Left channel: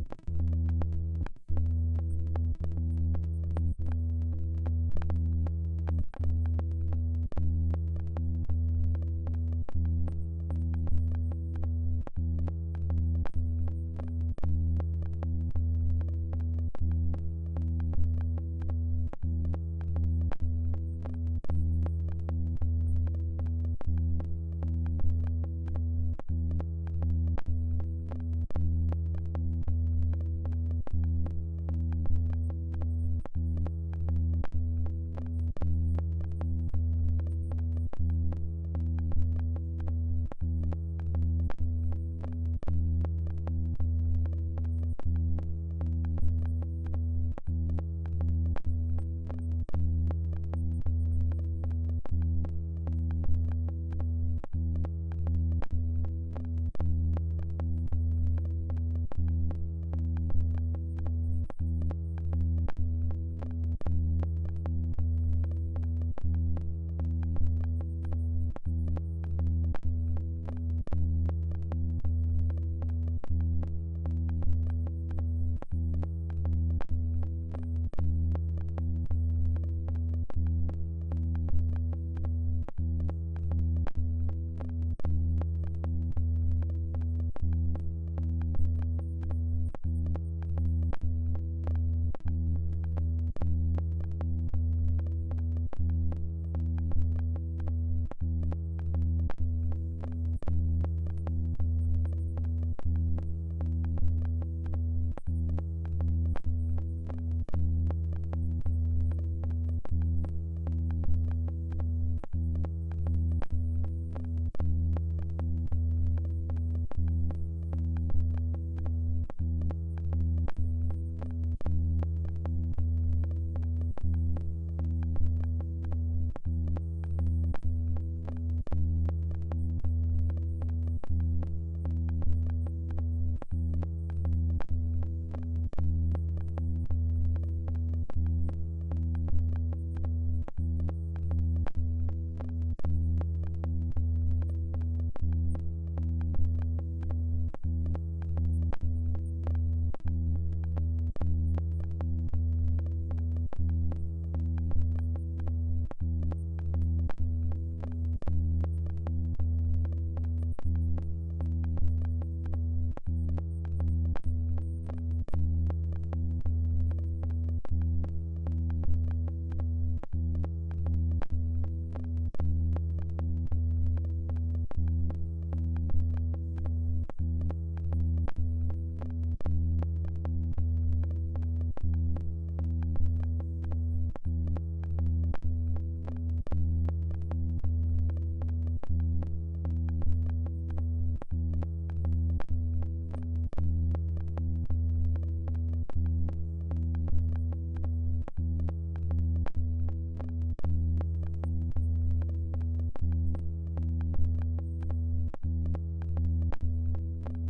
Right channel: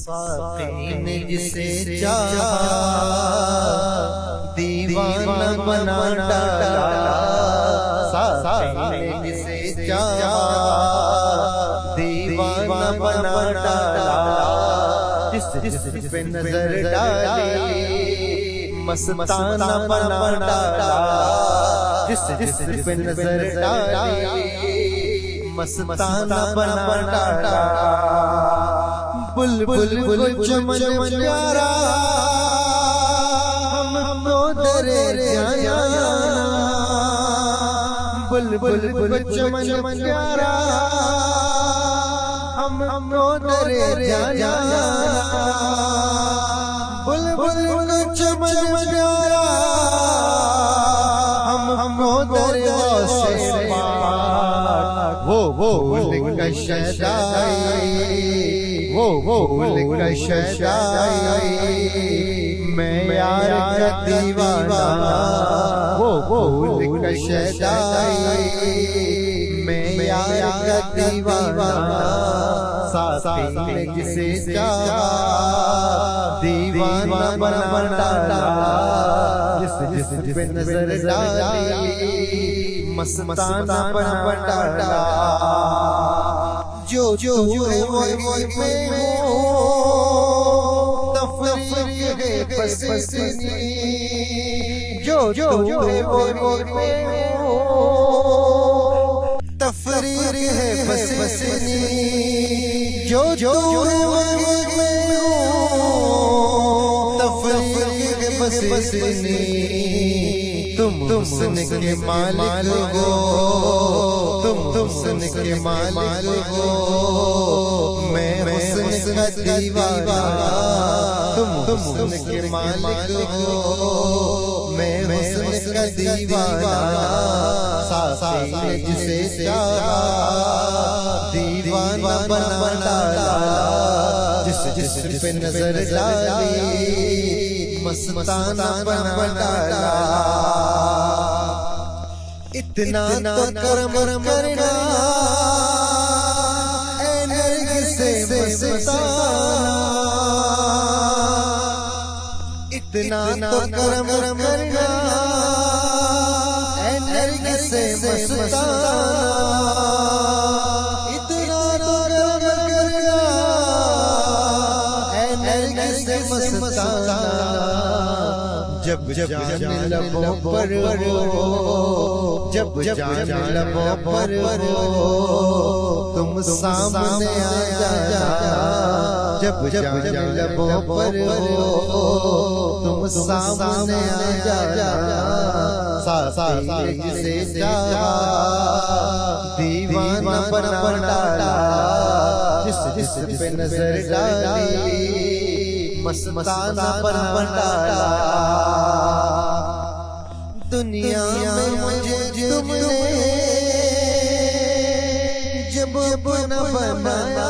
साक़ी ने जिसे चाहा दीवाना बना डाला। साक़ी ने जिसे चाहा दीवाना बना डाला। जिस पे नजर डाली मस्ताना बना डाला। जिस पे नजर डाली मस्ताना बना डाला। बुलबुल चमन प्यारा हमको दरे जाना। बुलबुल चमन प्यारा हमको दरे जाना। बुलबुल चमन प्यारा हमको दरे वो लिखा शहदाई वो लिखा शहदाई। मैं यार का दीवाना वो लिखा शहदाई। मैं यार का दीवाना। साक़ी ने जिसे चाहा दीवाना बना डाला। जिस पे नजर डाली मस्ताना बना डाला। जो है वो में हो तफरीर है बस जो है वो में हो तफरीर है बस जो है वो में हो तफरीर है बस तुम सुन के मालिक हो। तुम सुन के मालिक हो। मैं हुस्न का दीवाना। तुम सुन के मालिक हो। मैं हुस्न का दीवाना। साक़ी ने जिसे चाहा दीवाना बना डाला। जिस पे नजर डाली मस्ताना बना डाला। इतना तो करम करना ऐ नरगिस मस्ताना। इतना तो करम करना ऐ नरगिस मस्ताना। इतना तो करम करना ऐ नरगिस मस्ताना। जब जाने लबों पर जब जाने लबों पर तुम सामने आ जाना। जब जाने लबों पर तुम सामने आ जाना। साक़ी ने जिसे चाहा दीवाना बना डाला। जिस पे नजर डाली मस्ताना बना डाला। दुनिया में मुझे तुमने जब न बनाया